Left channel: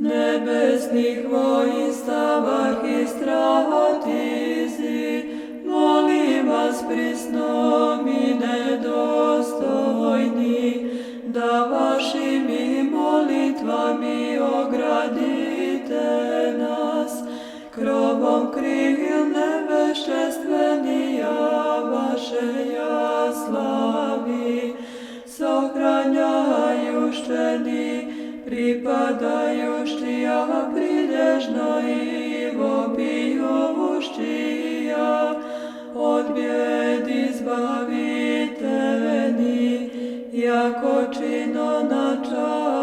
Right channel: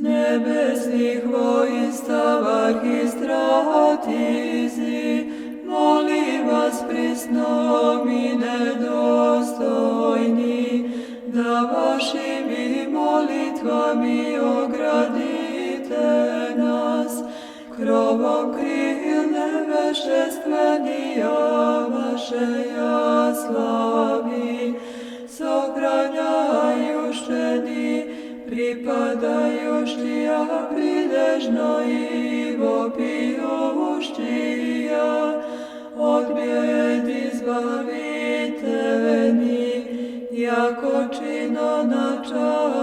Nebesnih voinstav arhistratisi, molim vas prisnom i nedostojni, da vašim molitvami ogradite nas, krovom krilne vešćestvenija vašeja slavi, sohranjajušteni, pripadajuštija prilježno i vobijuštija, od bijed izbaviteni, jako čino načalni.